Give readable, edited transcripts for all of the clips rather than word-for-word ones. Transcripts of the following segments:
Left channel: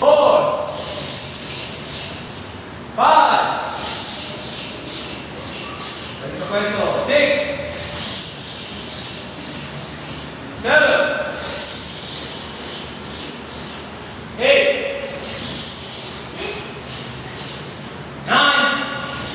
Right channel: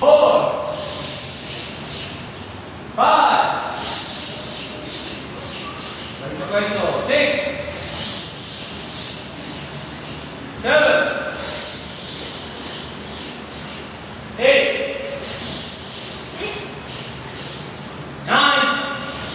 4, 5, 6, 7, 8, 9,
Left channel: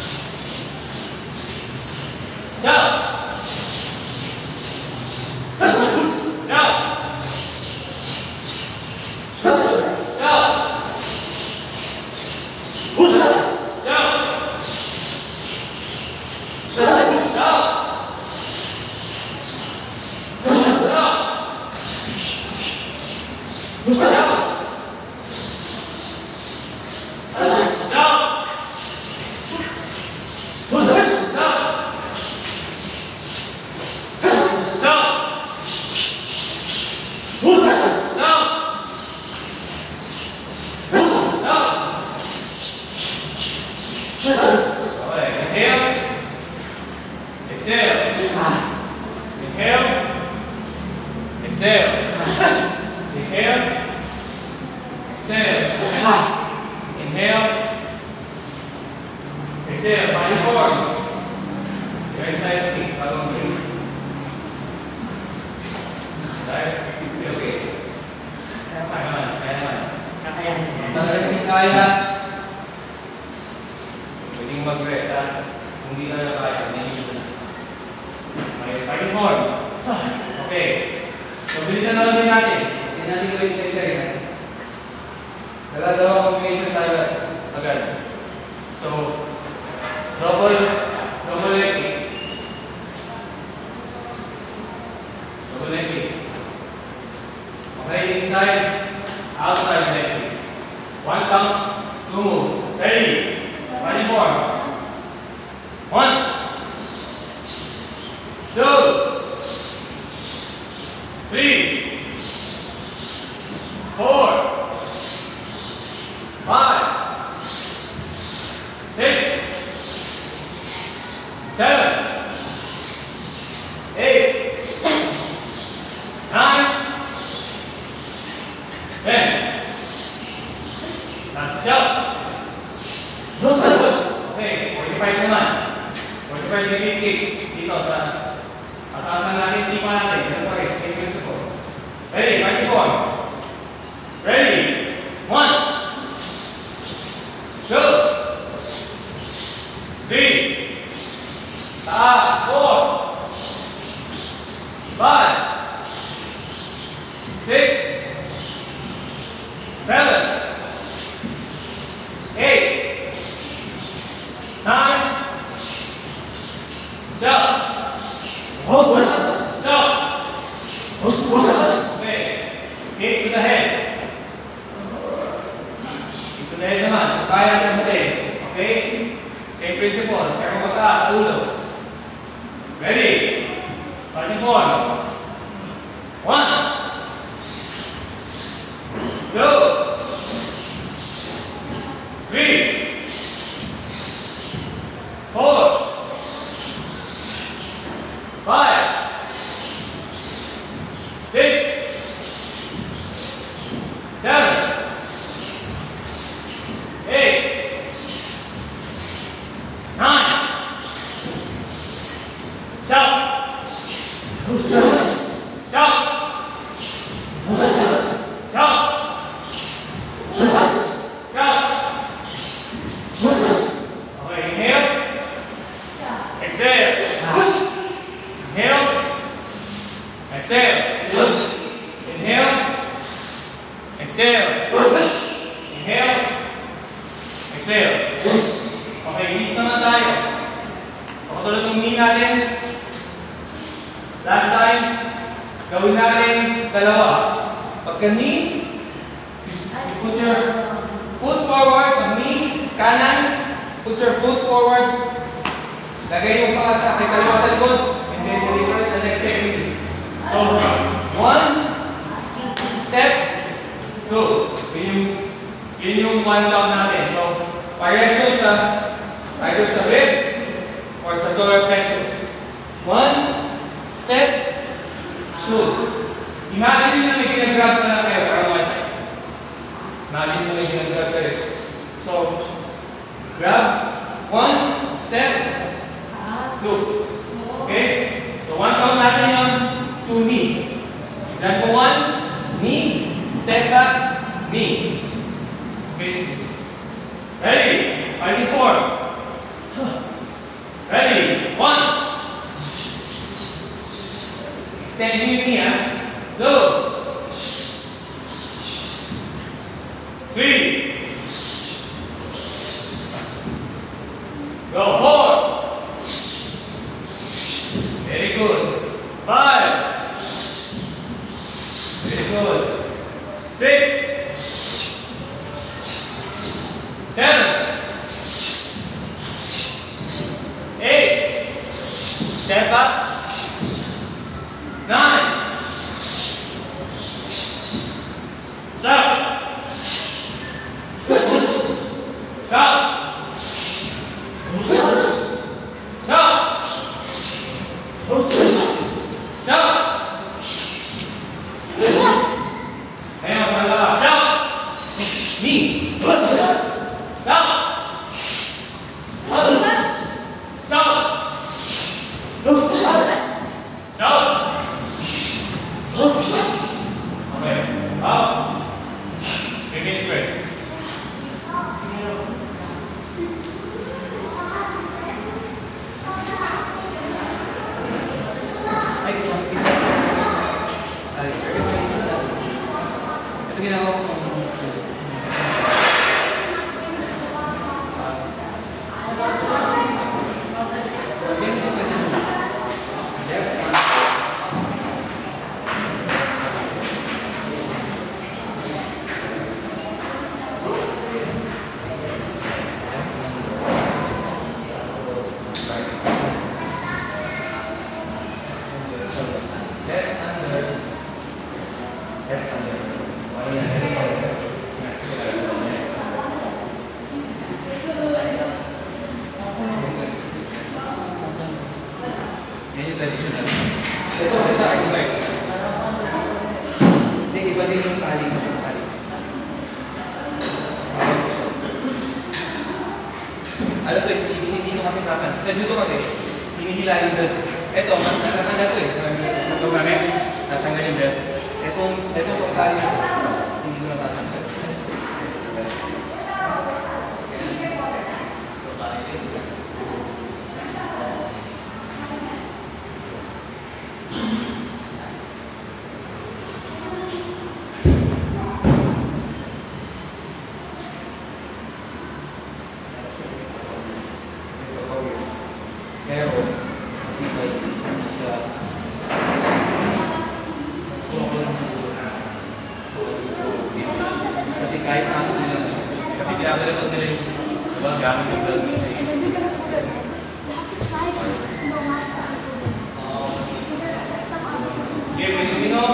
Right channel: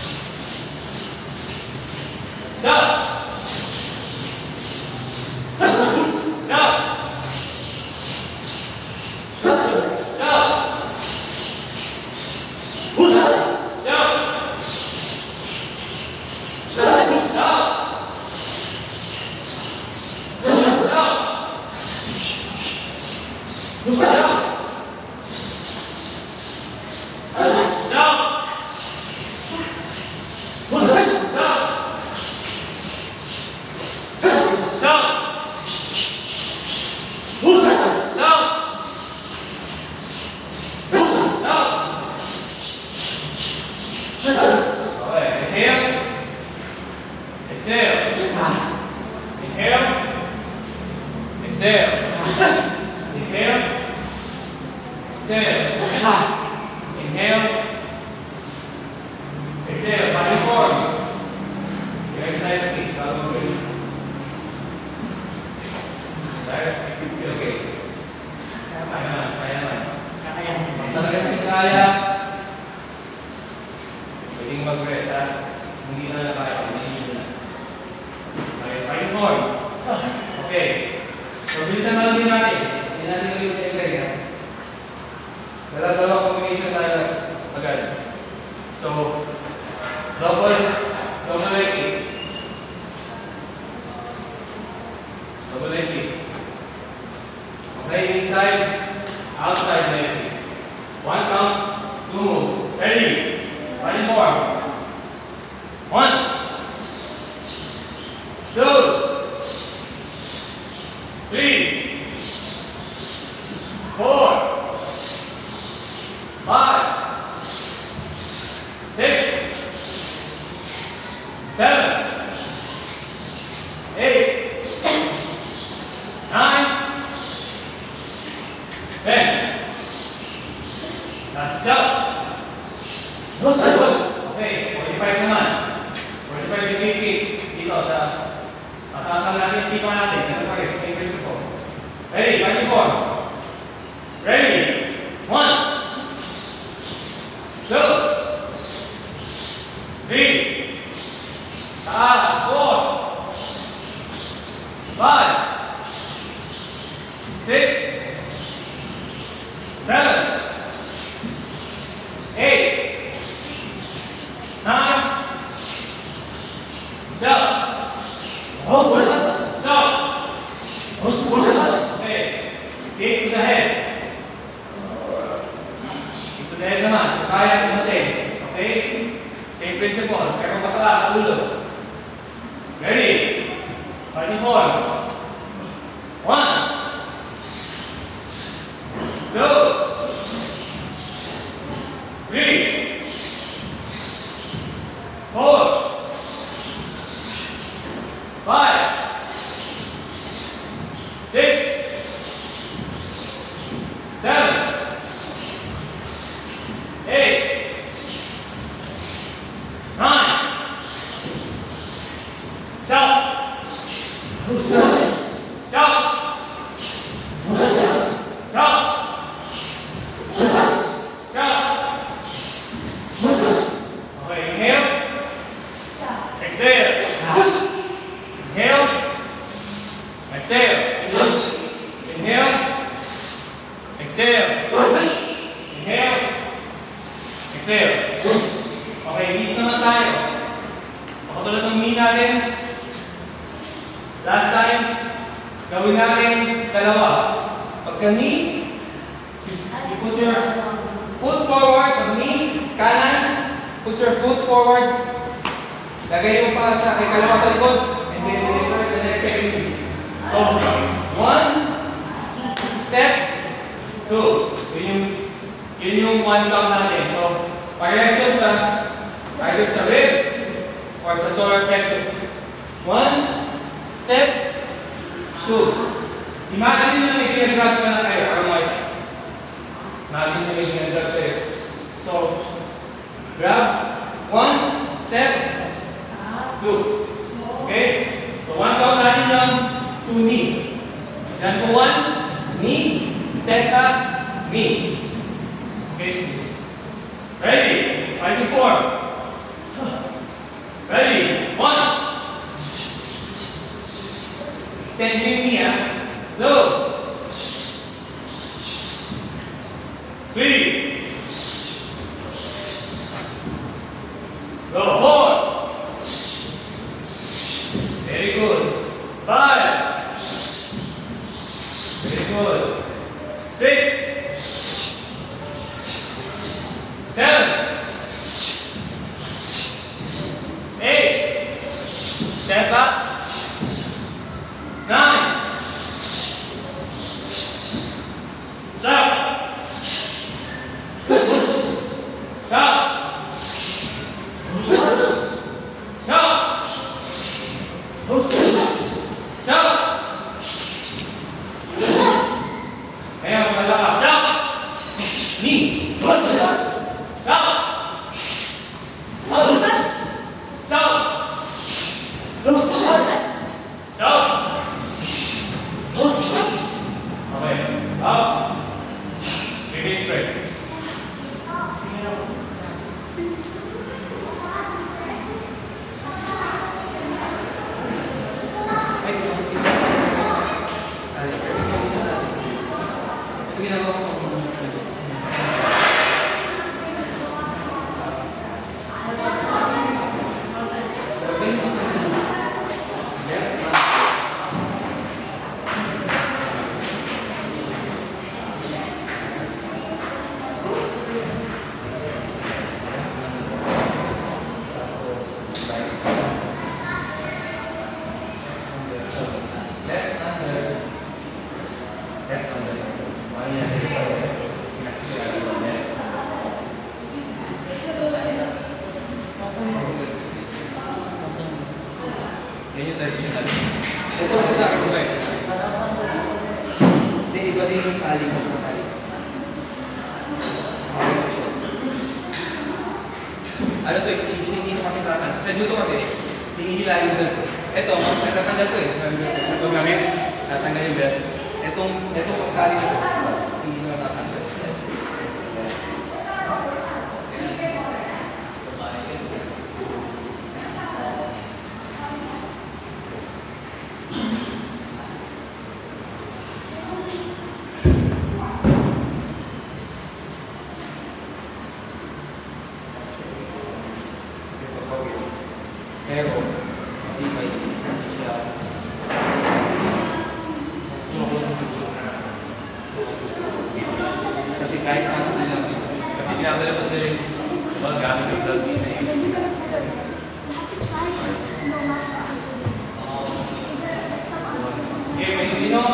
10. Yun yung one count natin. So, variation sa either sa rib or sa solar plexus. One step, shoot. Imagine nyo na may ginagrab ka lang kayo para Imagine nyo Me. Business. Ready? Fighting four. Ready? One. Extend with me, Low. 3. Go. 4. Very good. 5. Very good. 6. 7. 8. Stand up. 9. Stop. Stop. Stop. Stop. Ayan, mas malala. Stop. Me. Stop. Stop. Stop. Okay. Up. Remain straight. Traditional. Ito kasi sa akin ba? Iba din yung tali. Ano to, hindi ito kasi katan. Sa judo kasi, hinihilahin doon. Ito, natatanggal ko eh. Sa paggamit, natanggal yung belt. Itong tali na, hindi mo natatanggal. Pero, matibay siya. Kasi kahit nasa nila, kasi pinapalipot nila yung ibang gamit yung vlog isa eh. Okay, Pilipino.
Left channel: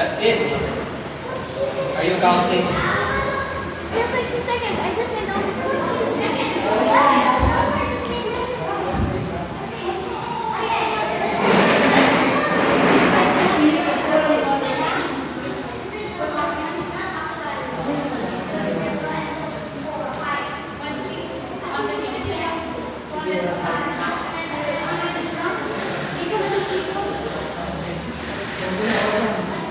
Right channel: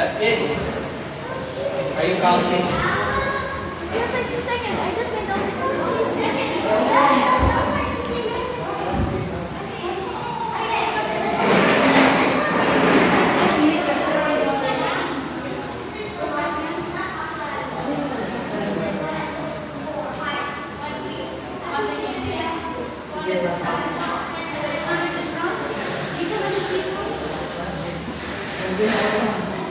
That is. Are you counting? Just like 2 seconds. I just went over 2 seconds. Thank you.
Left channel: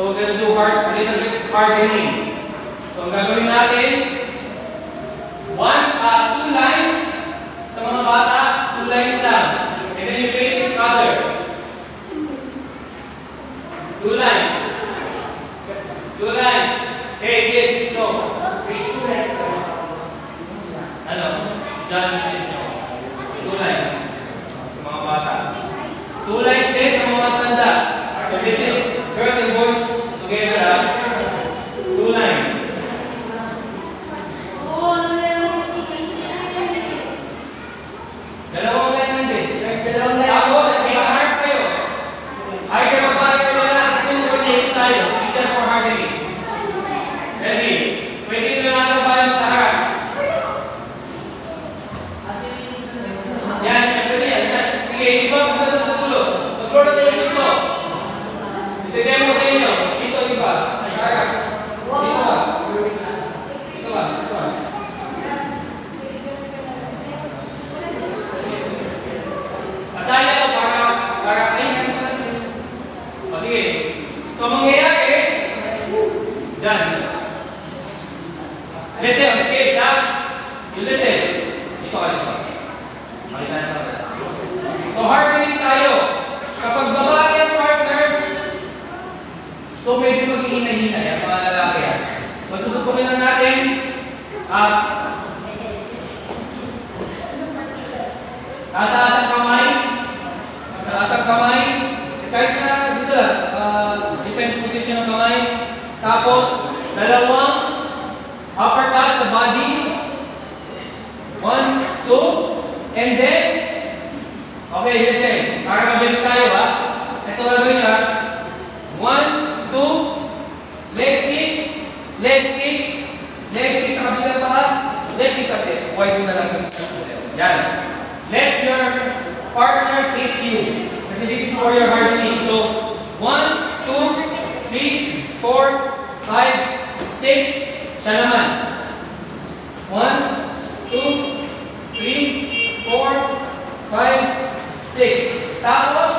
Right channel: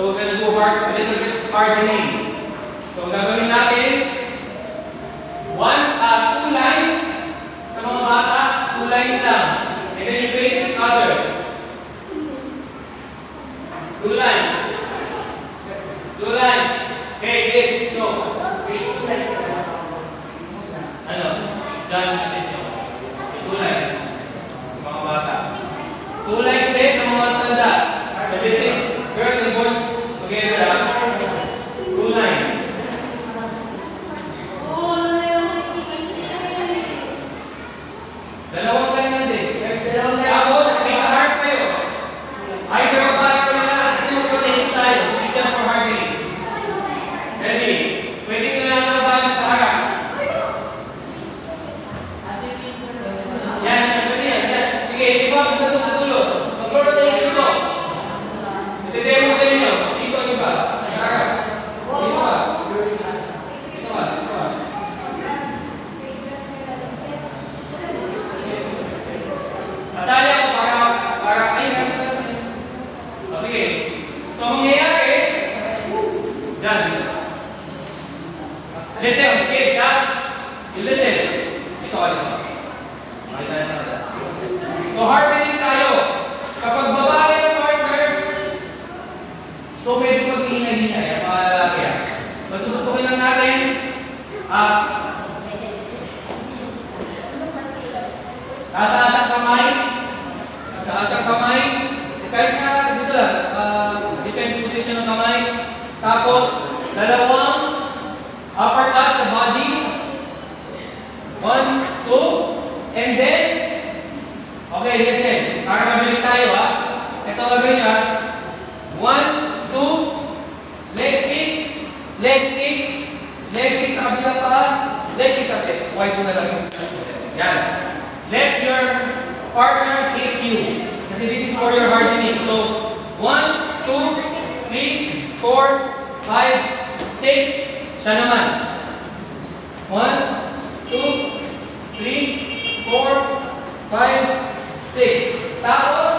So we're gonna do a little bit hardening. So ang gagawin natin, 2 lines sa mga bata, 2 lines lang. And then you face each other. 2 lines. 2 lines. Okay, kids, ito. 2 lines. Ano? John, this is 2 lines. Sa mga bata. 2 lines din sa mga matanda. So this is girls and boys together. 2 lines. Dalawang line lang din. Tapos, may heart kayo. Either of bahay ko lang kasi mag-rotation tayo. Just for hardening. Ready? Pwede nyo lang ang bahay magkaharap. Yan, pwede yan. Sige, iba, punta sa tulo. Mag-rotation to. Itidemo sa inyo. Dito, iba. Magkaharap. Dito ba? Dito ba? Dito ba? Masaya ko para ay o sige. So mangyayari dyan. Listen, kids ha? You listen. Dito ka dito. Makita na sa mata. So hardening tayo. Kapag babae ang partner, so medyo mag-ihinay-hinay ang mga lalaki yan. Magsusutukin lang natin at tataas ang kamay. Tataas ang kamay. Kahit na dito lang, defense position ng kamay. Tapos, dalawang uppercut sa body. 1, 2, and then, okay, listen. Para mabilis tayo ha. Ito gagawin niya. 1, 2, leg kick, leg kick, leg kick sa kabila pa, leg kick sa tail. Huwag mo na lang. Yan. Let your partner kick you. Kasi this is for your hardening. So, 1, 2, 3, 4, 5, 6. Siya naman. 1, 2, 3, 4, 5, 6. Tapos,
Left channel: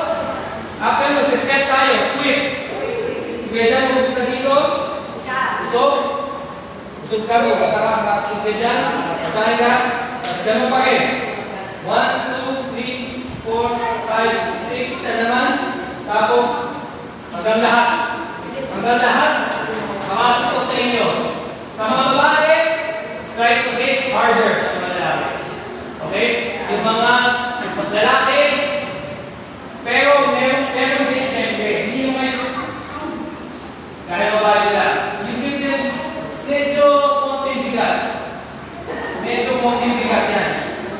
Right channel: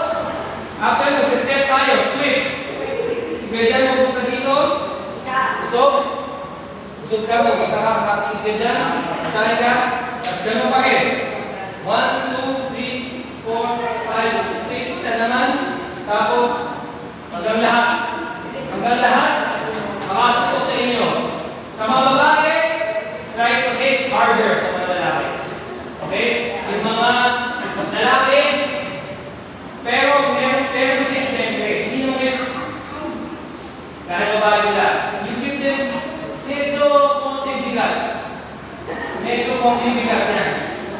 after mag-step tayo, switch. Sige dyan, magpunta dito. Usog. Usog ka mo. Kakakakakit ka dyan. Sali ka. Tapos ganun pa rin. 1, 2, 3, 4, 5, 6. Siya naman. Tapos, hanggang lahat. Hanggang lahat. Makasok ko sa inyo. Sa mga babae, try to hit harder sa mga lalaki. Okay? Yung mga lalaki, pero meron din siyempre. Hindi naman kahit babae sila. You give them medyo konti bigat. Medyo konti bigat na.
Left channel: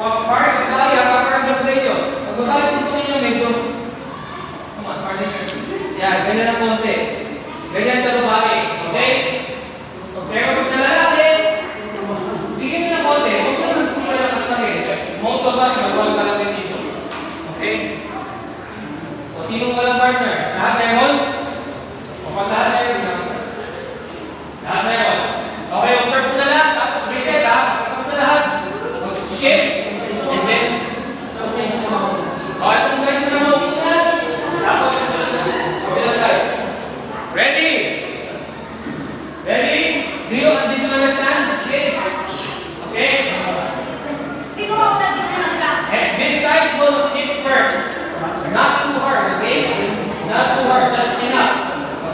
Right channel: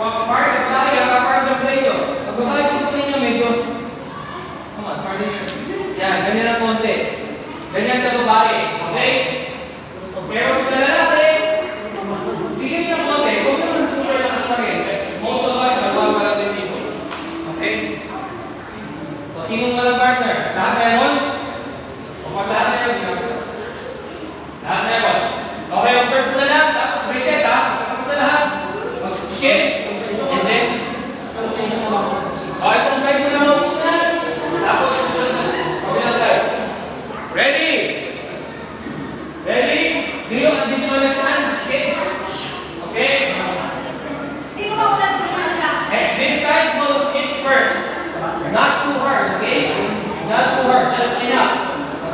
Para sa babae, kaparandog sa inyo. Pag babae sa inyo, medyo yan, ganyan na konti. Ganyan sa babae. Okay? Pero sa lalaki, tigil na konti. Huwag naman super lakas pa rin. Most of us, magkawal pa lang dito. Okay? O sinong walang partner? Lahat meron? O pag lahat meron? Lahat meron. Okay, observe mo na lahat. Tapos reset ha. Tapos na lahat. Shift. And then, o itong side mo naman muna. Tapos susunod. Kabilang side. Ready? Ready? Did you understand? Kids? Okay? Sino ba una dito lang ka? And this side will hit first. Not too hard, okay? Not too hard, just enough.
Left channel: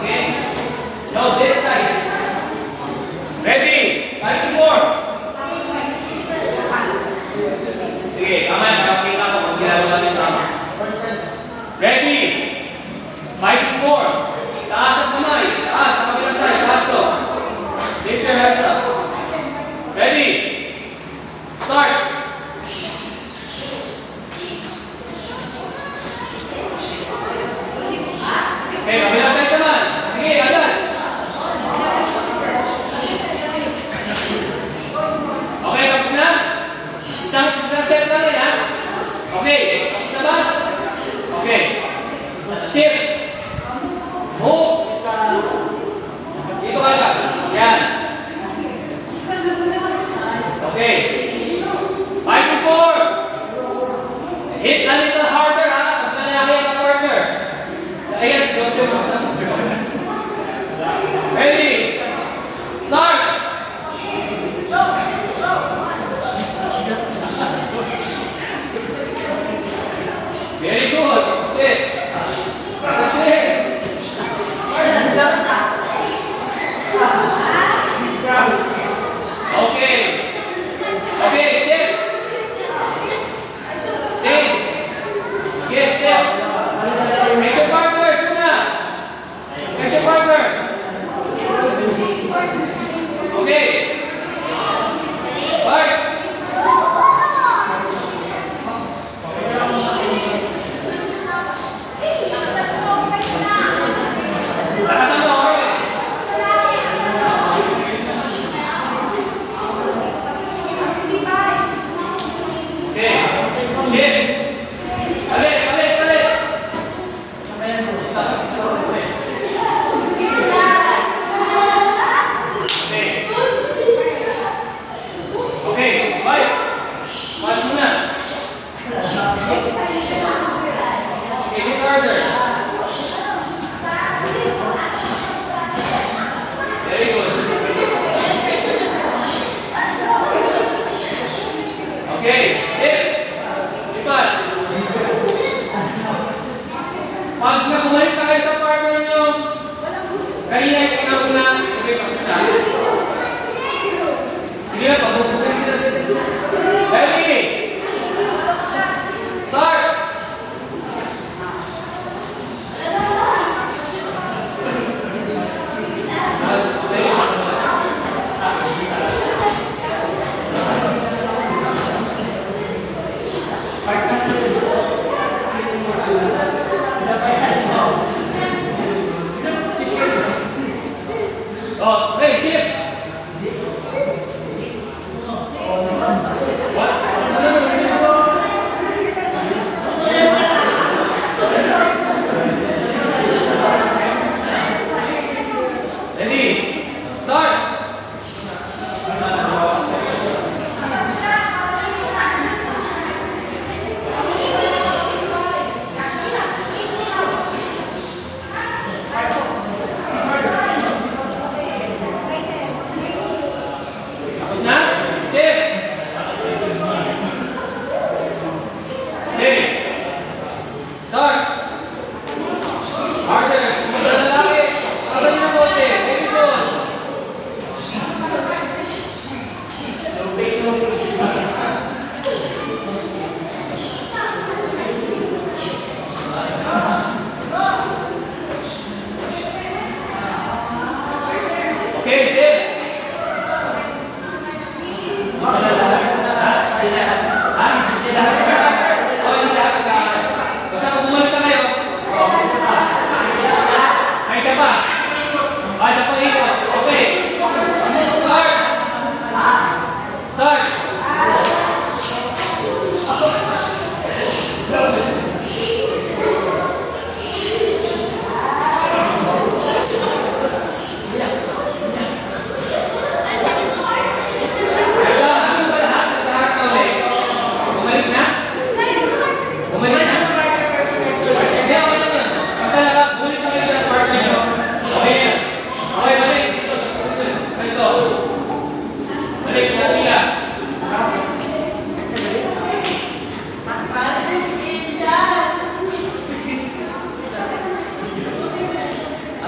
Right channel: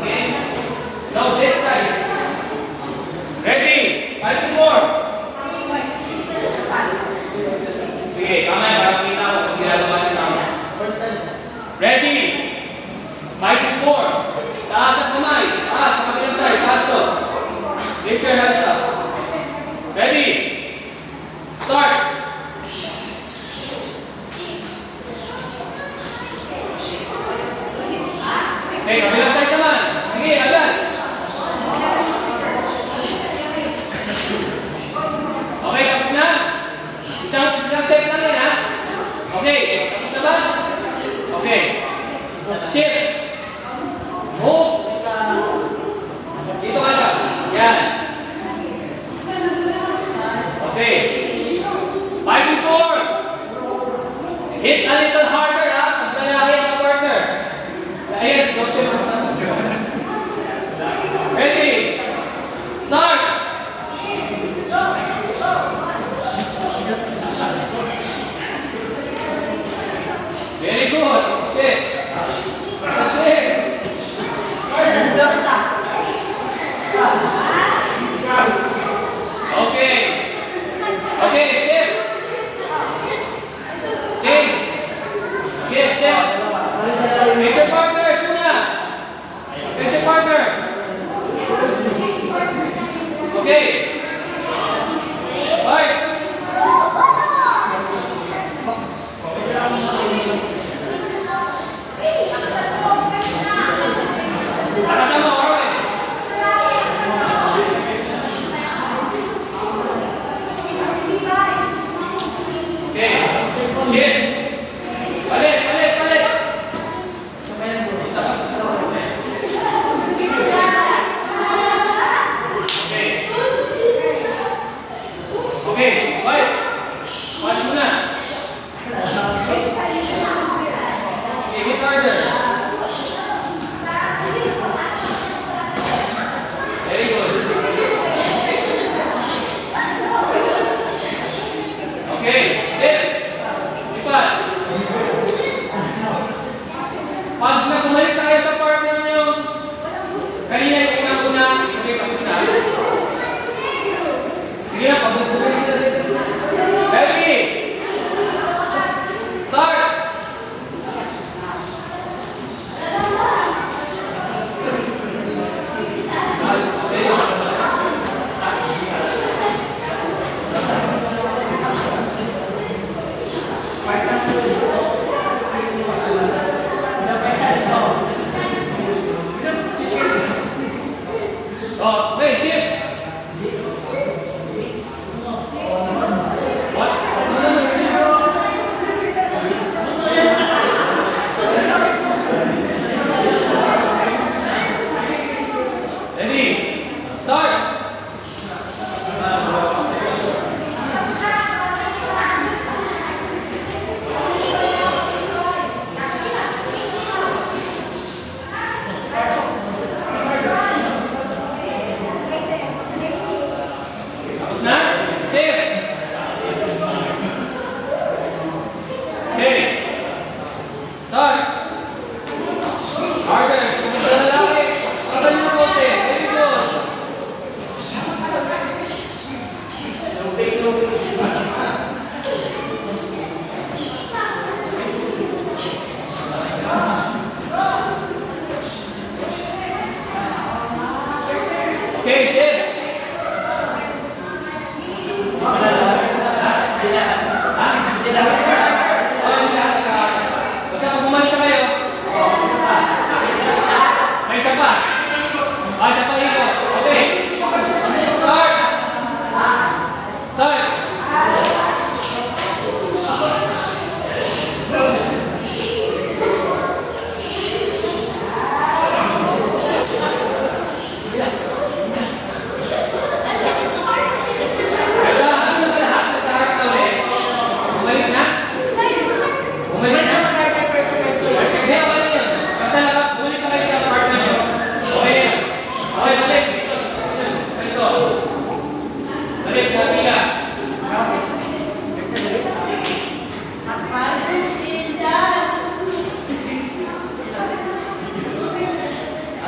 Okay? No, this side. Ready? 5 to 4. Sige, mamaya, kapakita ko kung ginagawa niyo tama. Ready? Fighting form. Taas ang kamay. Taas ang kabilang side. Taas to. Lift your hands up. Ready? Start. Okay, kabilang side naman. Sige, agad. Okay, tapos na? Isang set lang yan, ha? Okay, tapos na ba? Okay. Shift. Move. Dito ka lang. Yan. Okay. Fighting form. Hit a little harder, ha? Maglalaki ang partner. Ayan, ready? Start. Very good. Sit. Sit. Okay. Okay, sit. Sit. Yes, step. Face your partners muna. Face your partners. Okay. Fight. Nakasama ako eh. Okay. Shit. Balik, balik, balik. Okay. Okay, balik. Pass muna. Take it harder. Very good. Okay, sit. Lipat. Pag bumalik tayo sa partner nyo, kanina yung una-una, sabi tapos na. Sige na, pag-upunin sila sa sila. Ready? Start! Oh, hey, shift! What? Ready? Start! Tapos na? Shift! Okay. Start! Harder! Sa lalaki! Kasan niyo po, very good! Okay, shift! Basta pag bumalik na kayo. Ay, isa pa. Ay, isa pang ito. Okay. Start. Start. Ay, ano ba lahat? Lahat na ulit. Bumalik na? Bumalik na? Hindi ako lang yun. Basta lahat, bumalik na kayo sa partner nyo. Okay na. Okay, balik. Ito. Balik sa pila.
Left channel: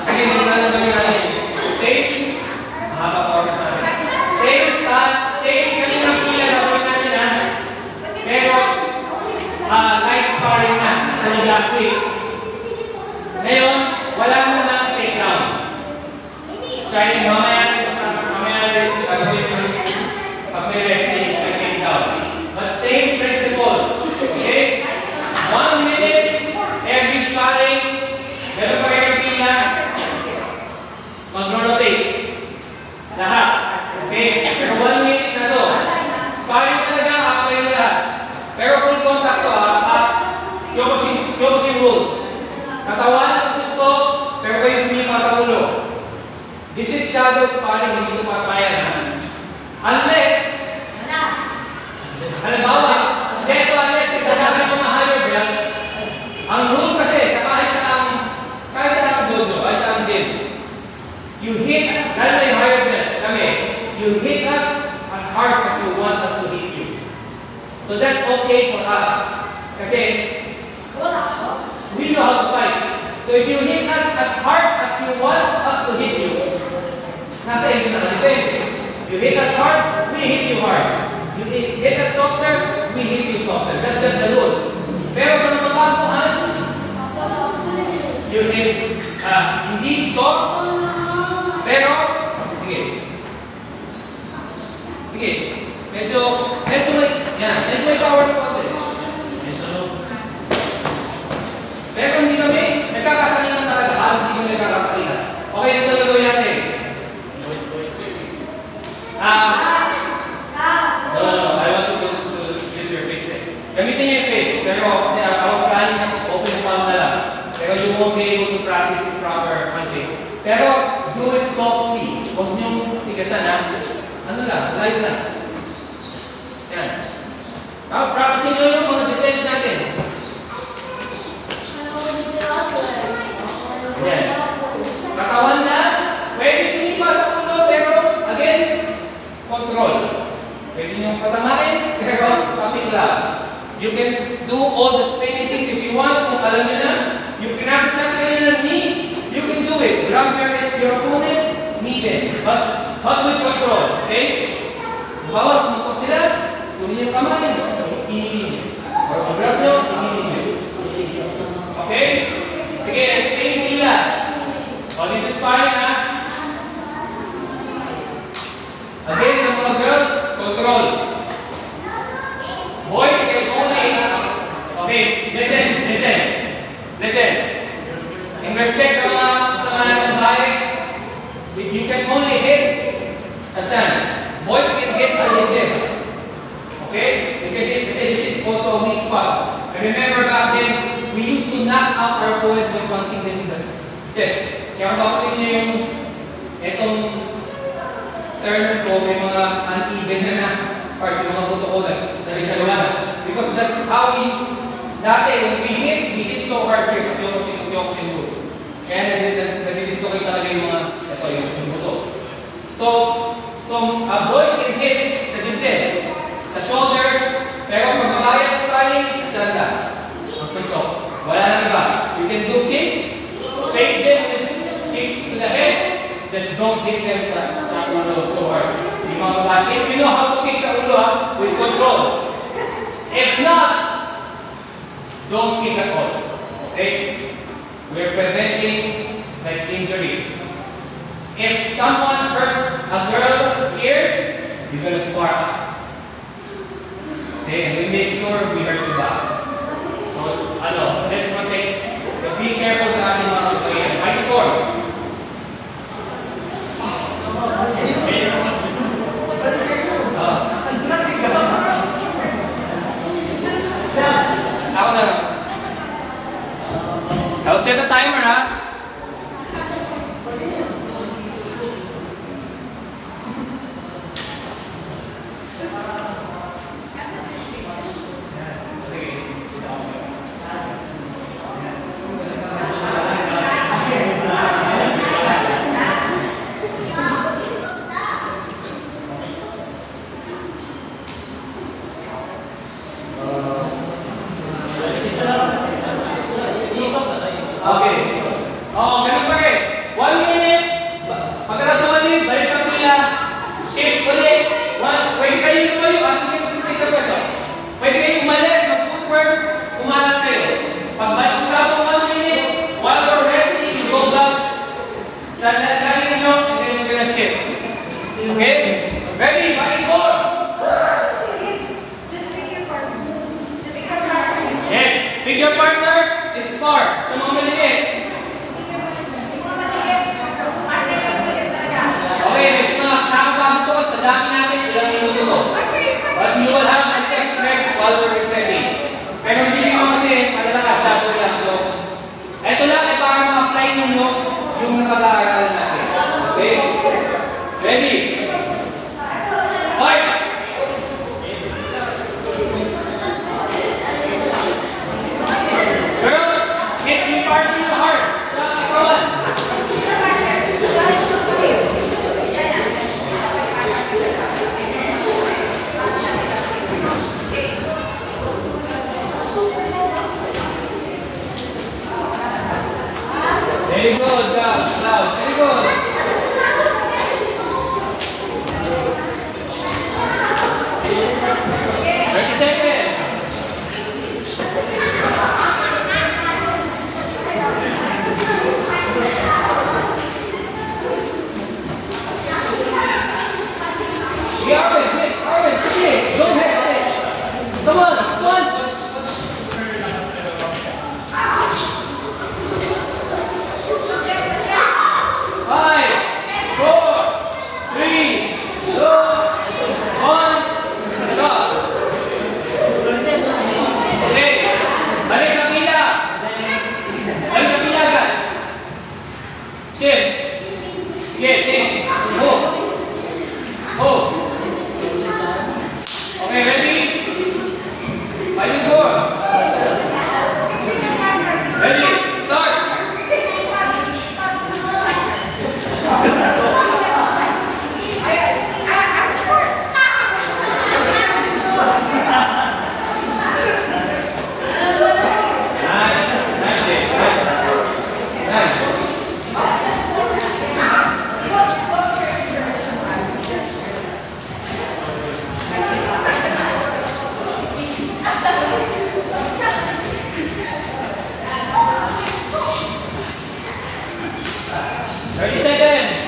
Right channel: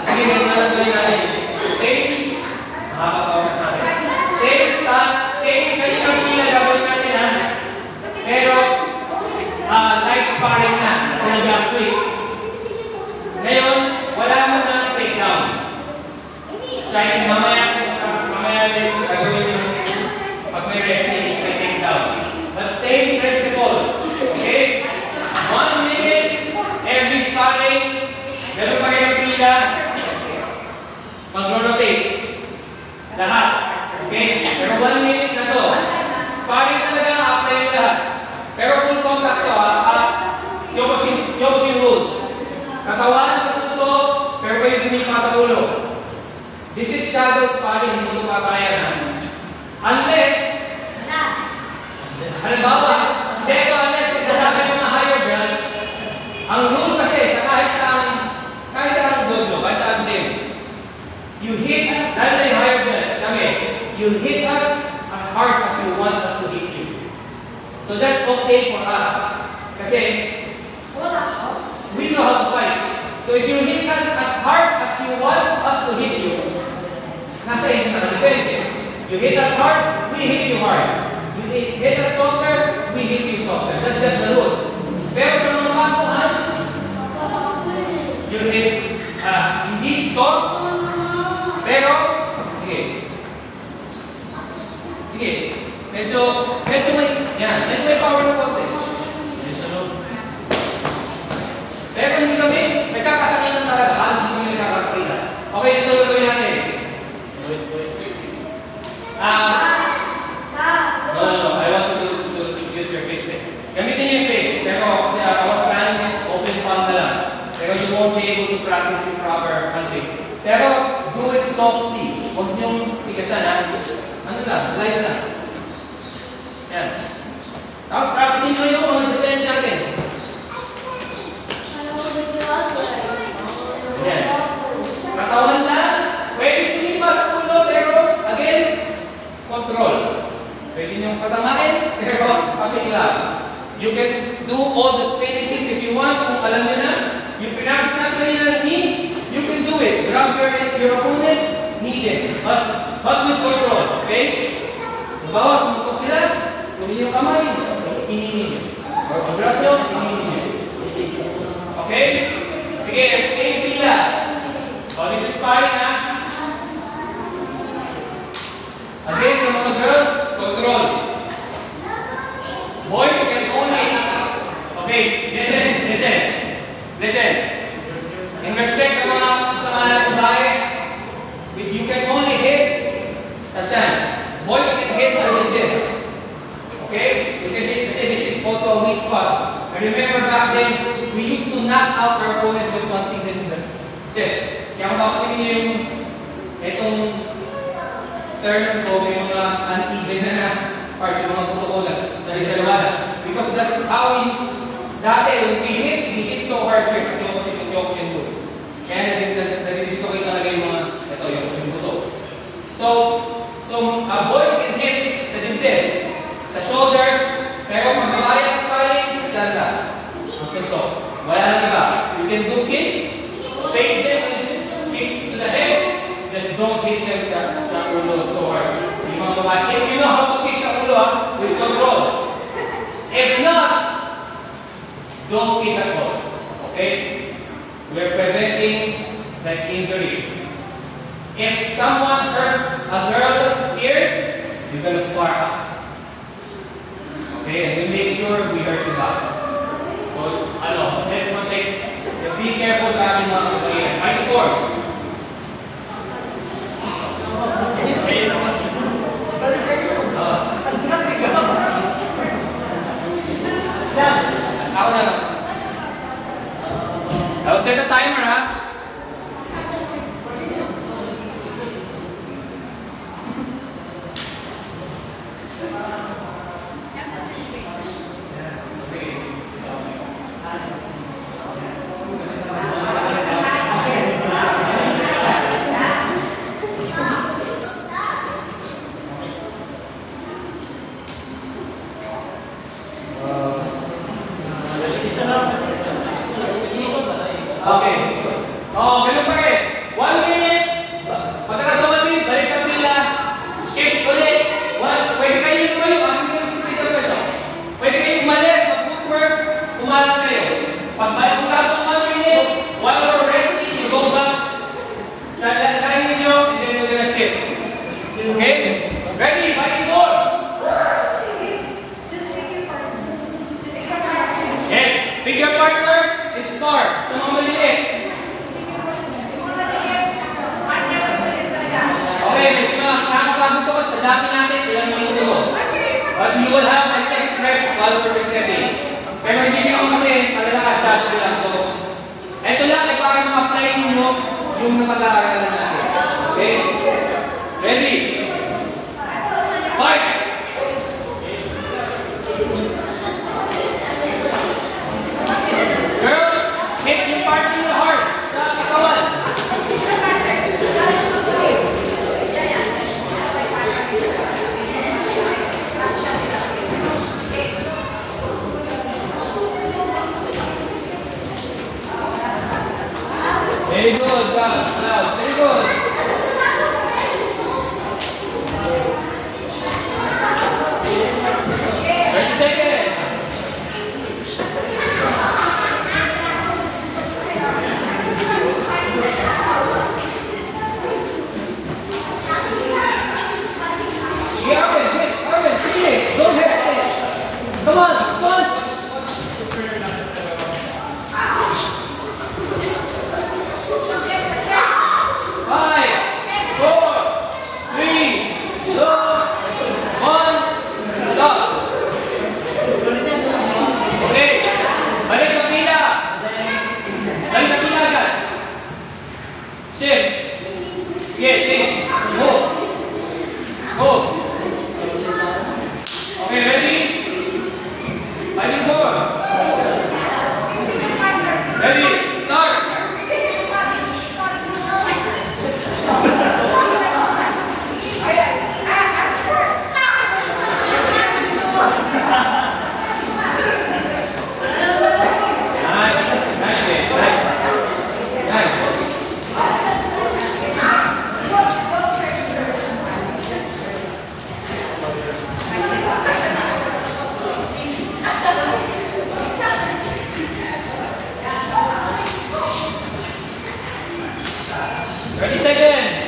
Sige, hindi na lang gawin natin. Same. Mahaba pa oras natin. Same kanina pila gagawin natin, ha? Pero, light sparring na. Last week. Ngayon, Striking mamaya gagawin yung pag may resting, I take down. But same principle. Okay? 1 minute, every sparring, meron pa rin yung pila, mag-rotate. Lahat. Okay? Pero 1 minute na to. Sparring talaga, apply mo lahat. Pero full contact to, Kyokushin rules. Katawan, kasunto, pero kayo sinipa sa ulo. This is shadow sparring, hindi pa kaya na. Unless, halimbawa, unless isasabi ng mga higher belts, ang rule kasi, sa kahit sa dojo, kahit sa gym, you hit, lalo na yung higher belts, you hit us as hard as you want us to hit you. So that's okay for us. Kasi, we know how to fight. So if you hit us as hard as you want us to hit you, nasa inyo na depende. You hit us hard, we hit you hard. You hit us softer, we hit you softer. That's just the rules. Pero sa mga baguhan, you hit, hindi soft, pero, sige, medyo may power na konti. Pero hindi kami nagkakasakinan talaga. Hindi kami nagkakasakinan. Okay, ito yung gawin natin. No, I want you to use your face then. Gamitin niyo yung face. Pero ako sa class, open palm na lang. Pero you won't be able to practice the proper punching. Pero do it softly. Huwag niyong tigasan ha. Ano lang, light lang. Yan. Tapos practicein nyo yung mga defense natin. Yan. Katawan na. Pwede sinipa sa ulo, pero again, control. Pwede nyo patamain, pero pamigla. You can do all the spinning things if you want. Kung alam nyo na, yung pinag-isang kayo ng knee, you can do it. Grab your opponent, knee them. But with control, okay? Bawas, sumuntok sila, kunin yung kamay, inihin nyo. Or pag-grab nyo, inihin nyo. Okay? Sige, same pila. This is sparring na. Again, sa mga girls, control. Boys can only, okay, listen. In respect sa mga babae, you can only hit sa tiyan. Boys can hit sa dibdib. Okay? You can hit, kasi this is also a weak spot. And remember back then, we used to knock out our opponents by punching them in the chest. Kaya kung bapasin niyo yung itong sternum ko, may mga uneven na parts, yung mga buto sa liwanag. Because that's how we used, dati, when we hit so hard here sa Kyokushin moves. Kaya nare-dislocate talaga yung mga, ito yung buto. So boys can hit sa dibdib, sa shoulders, pero pag nabayad sa sparring, sa tiyan ka. Ang suntok. Wala lang iba. You can do kicks, take them with kicks to the head, just don't hit them sa ulo so hard. If you know how to kick sa ulo, with control. If not, don't kick at all. Okay? We're preventing like injuries. If someone hurts a girl here, you're gonna smart us. Okay? And we make sure we hurt you back. So, let's protect. Be careful sa ating mga pagkain. Fight for. Ako na. I'll set the timer, ha? Okay. Ganun pa rin. 1 minute. Pagkala sa 1 minute, balik sa pila. Shift ulit. Pwede kayo lumayo. Sa isang peso. Pwede kayo umalis ng footworks. Umalat kayo. Pagbalik ang kaso 1 minute, while you're resting, you go back sa line ninyo, and then you score. Sa mga maliliit. Okay, medyo nakakapagod ko sa dami natin. Ilang minuto ko. But you will have an express follower setting. Pero hindi naman kasi padala ka shadow lang. So, ito lang ay para ma-apply ninyo yung napag-aaralan natin. Okay? Ready? Fight! Girls, hit your partner in the heart. Sa katawan. Very good, God. Very good. Okay, ready? Fighting four. Ready? Start. Ready, second.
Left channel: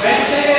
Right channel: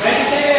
Ready,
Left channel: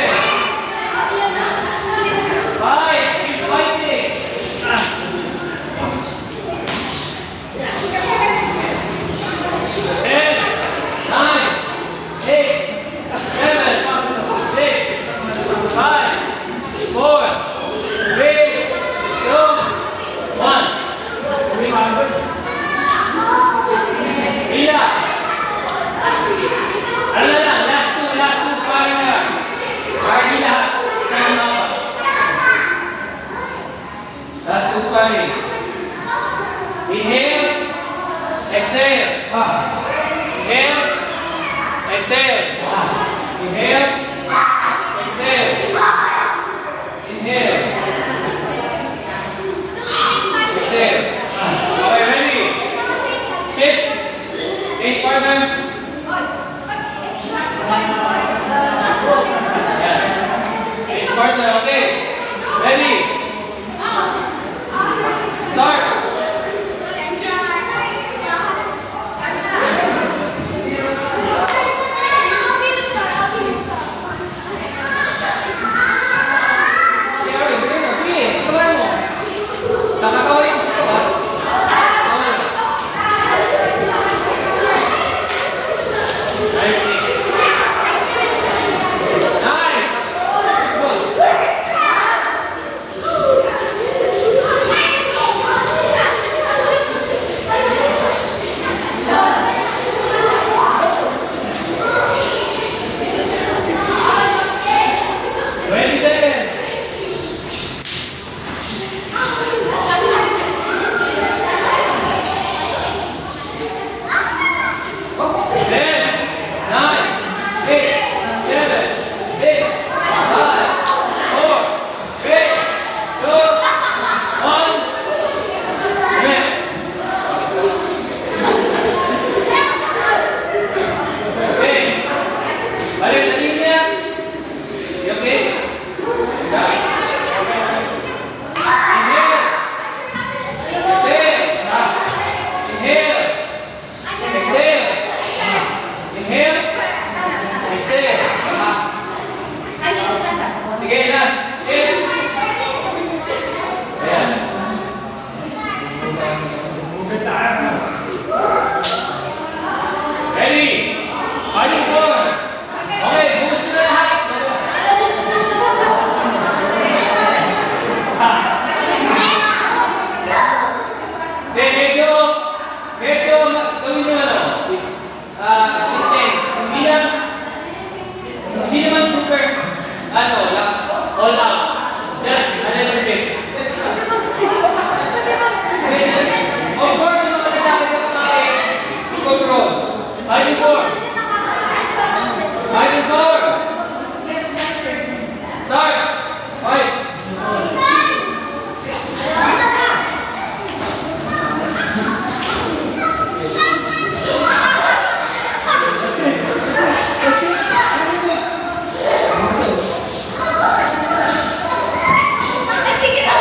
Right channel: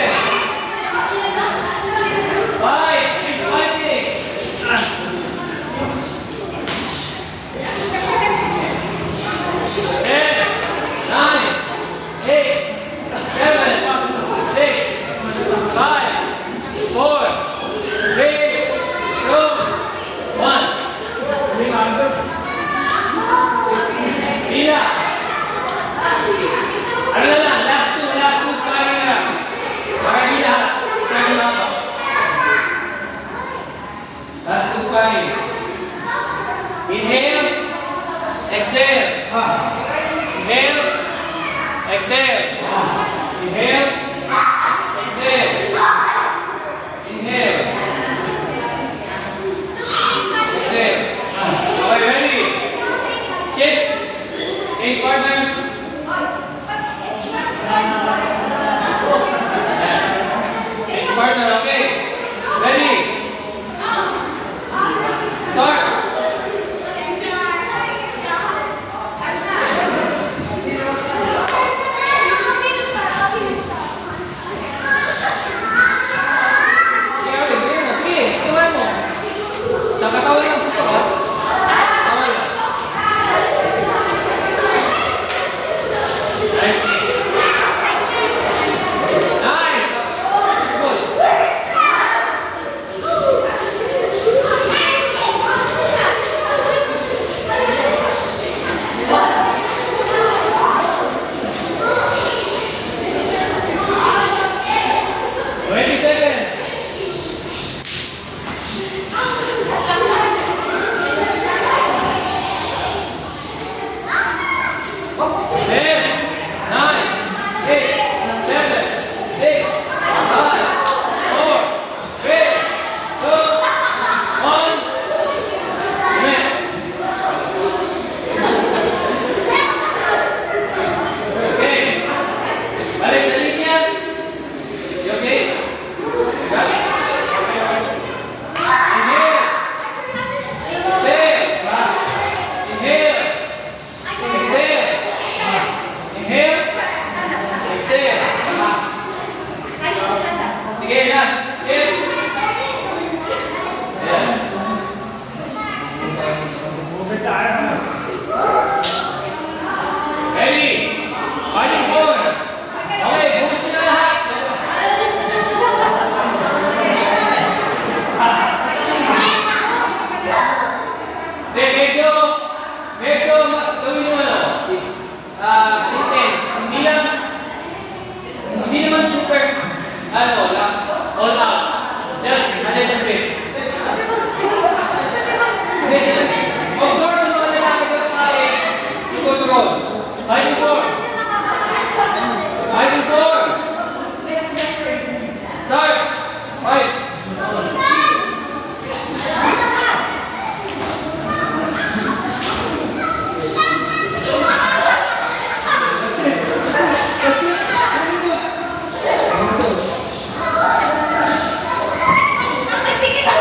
Start na, okay? Ready? Start! I think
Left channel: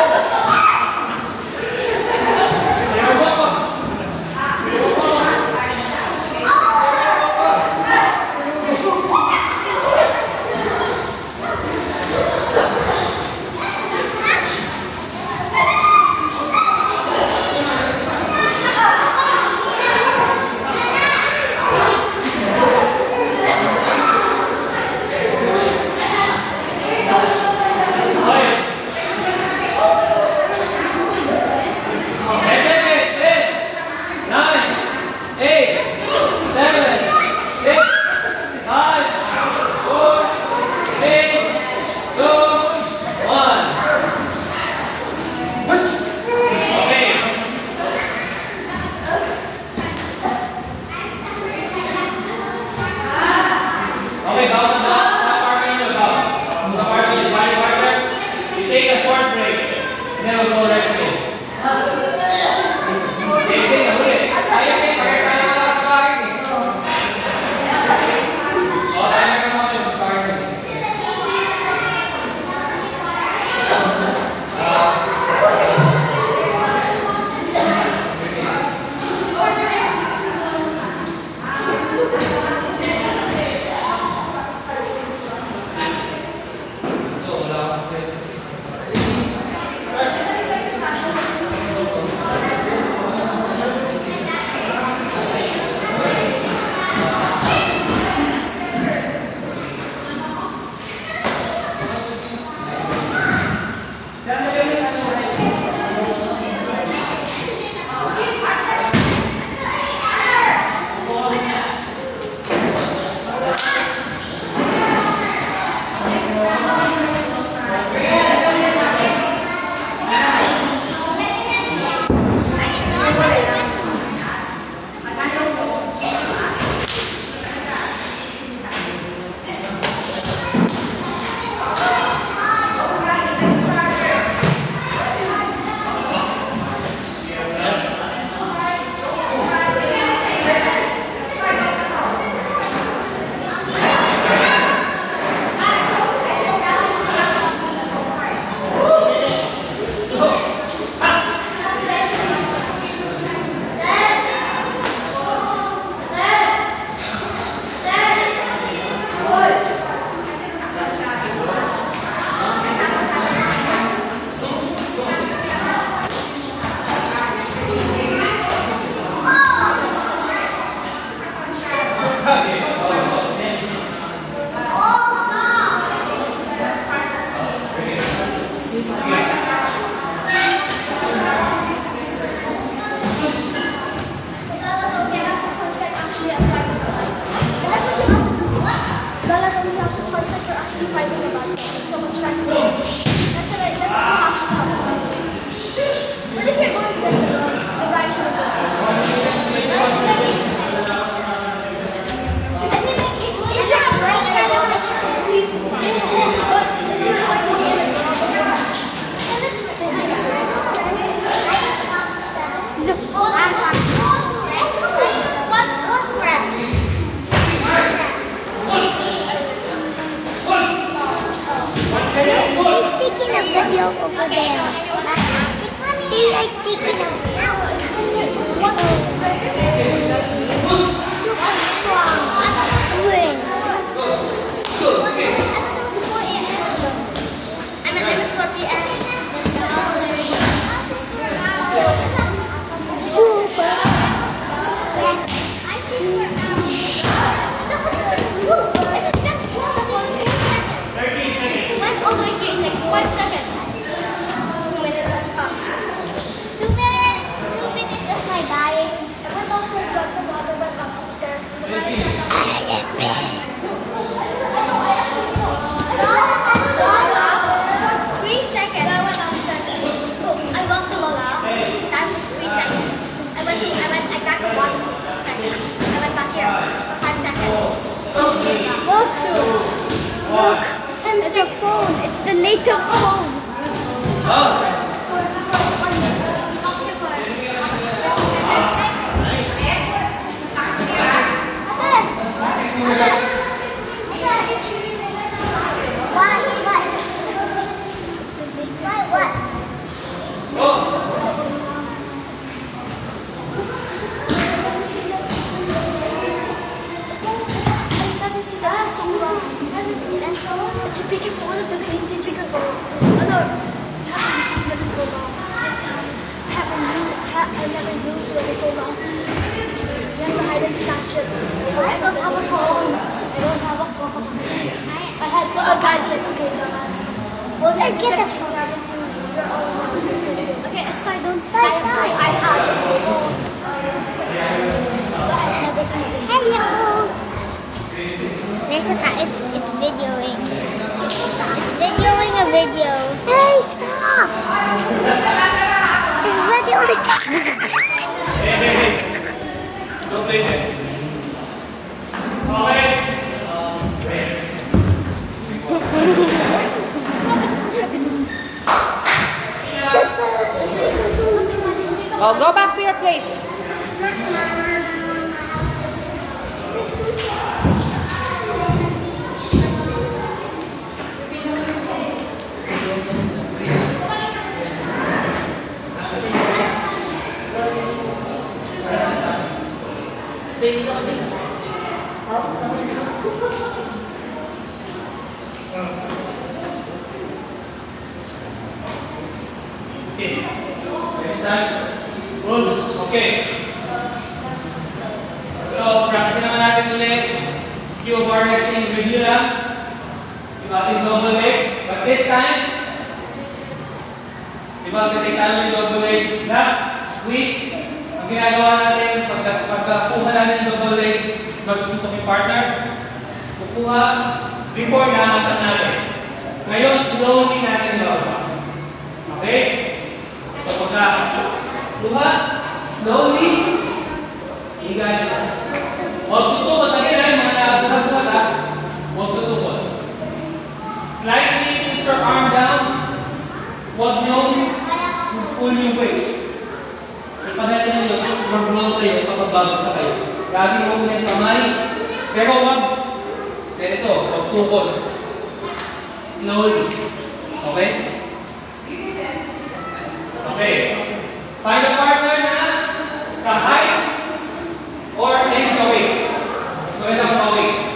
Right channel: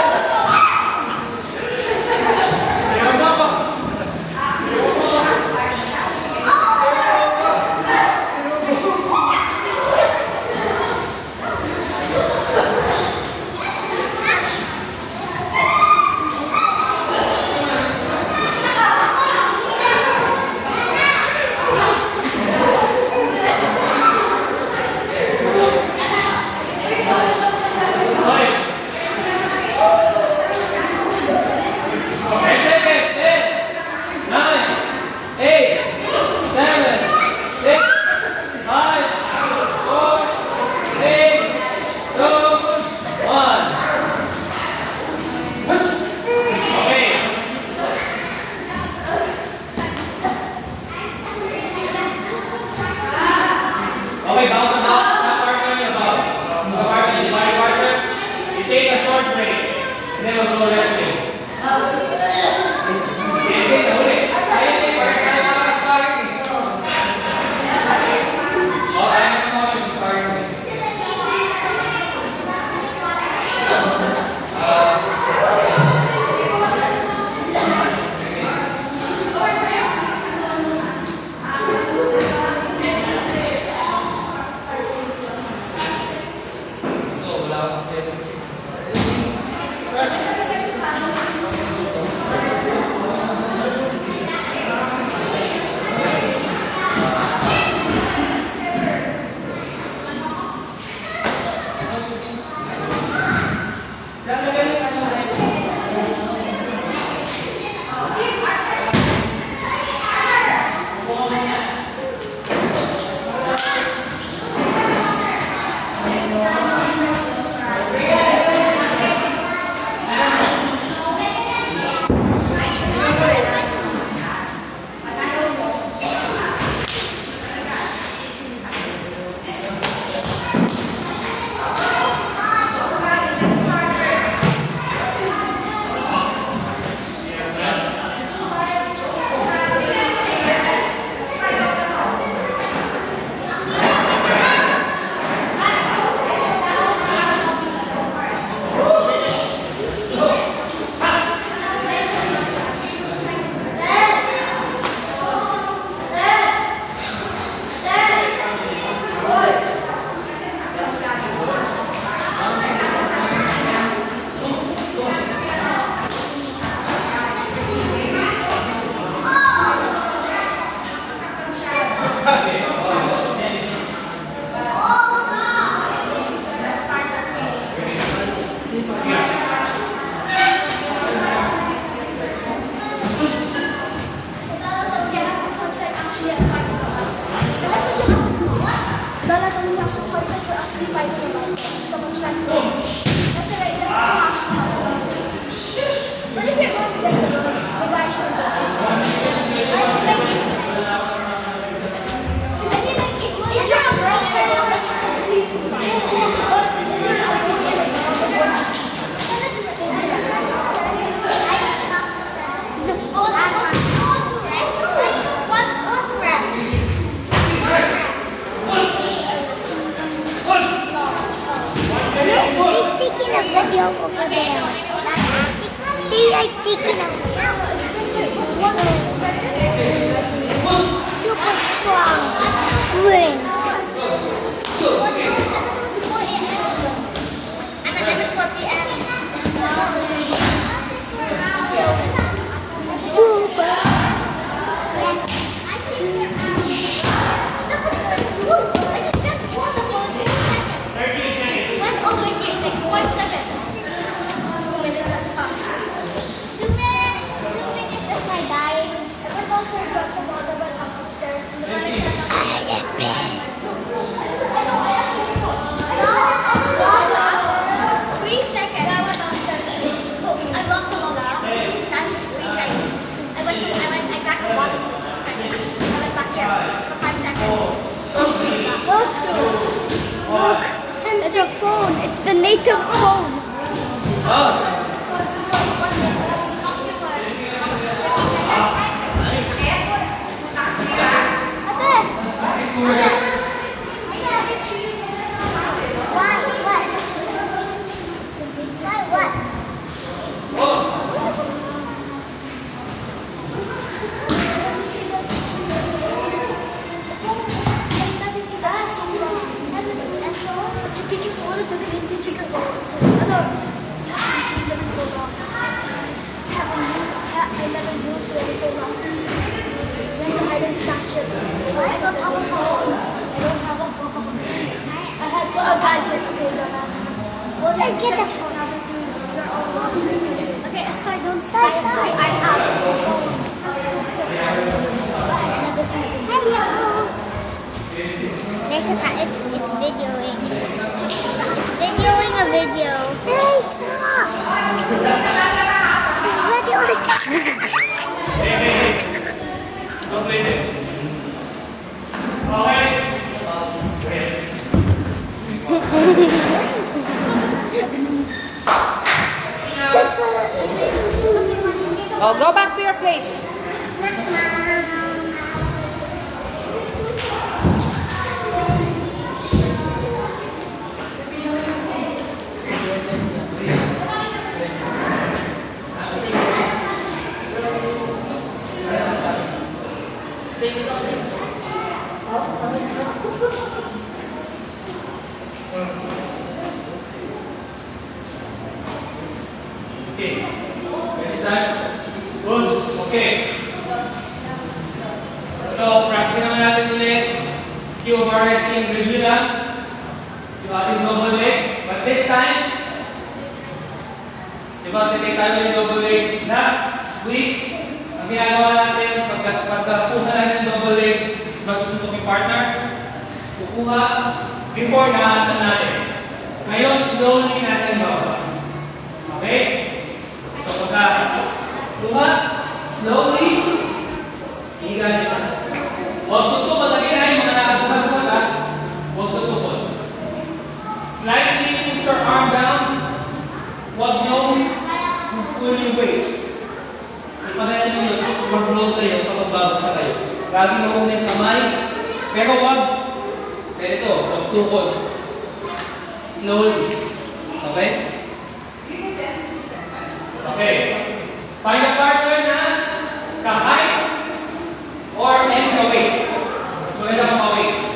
was the parts that we're actually fighting about. So much fighting. That's right. That's what we're actually talking about. But if you're going this road, maybe I should go. It's a phone. It's the NATO phone. Because one of the vintage phone, I haven't seen them in so long. I never used it in so long. Then I didn't snatch it. I don't have a phone. I don't have a phone. I had a gadget. Okay, dumbass. Let's get the phone. Okay, start. Don't start. I have a phone. Hello. There's a cat. It's videoing. It's videoing a video. Hey, stop! It's videoing. Hey. Don't play it. Okay. Wait. Oh, go back to your place. Okay. Next time. Okay. So, practice naman natin ulit. Cue of our resting review lang. Yung ating double leg. But this time, diba, kasi tayo yung double leg last week. Ang ginagawa natin, pagkakuha natin yung double leg, masusuntok yung partner. Kukuha, before nakatan natin. Ngayon, slowly natin yun. Okay? So, pagka slowly, higa. Huwag tutupot. Again, ay mga buhat mo lang. Huwag tutupot. Slightly put your arm down. Huwag niyong pull yung weight. Ipagalan nyo yun, mag-roll kayo kapag babagsak kayo. Lagi mo ulit kamay. Pero huwag, ganito, huwag tukod. Slowly. Okay? Okay. Find a partner na ka-height or any ka-weight. So, yun ang ka-weight.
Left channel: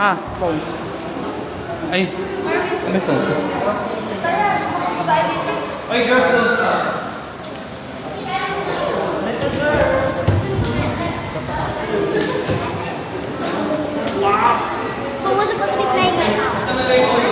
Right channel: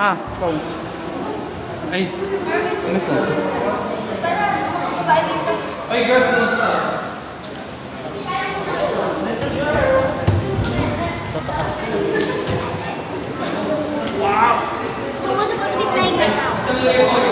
Ah. Ay, ano ito? Oy, girls, don't start. Who was supposed to be playing right now? Sa nalagay mo,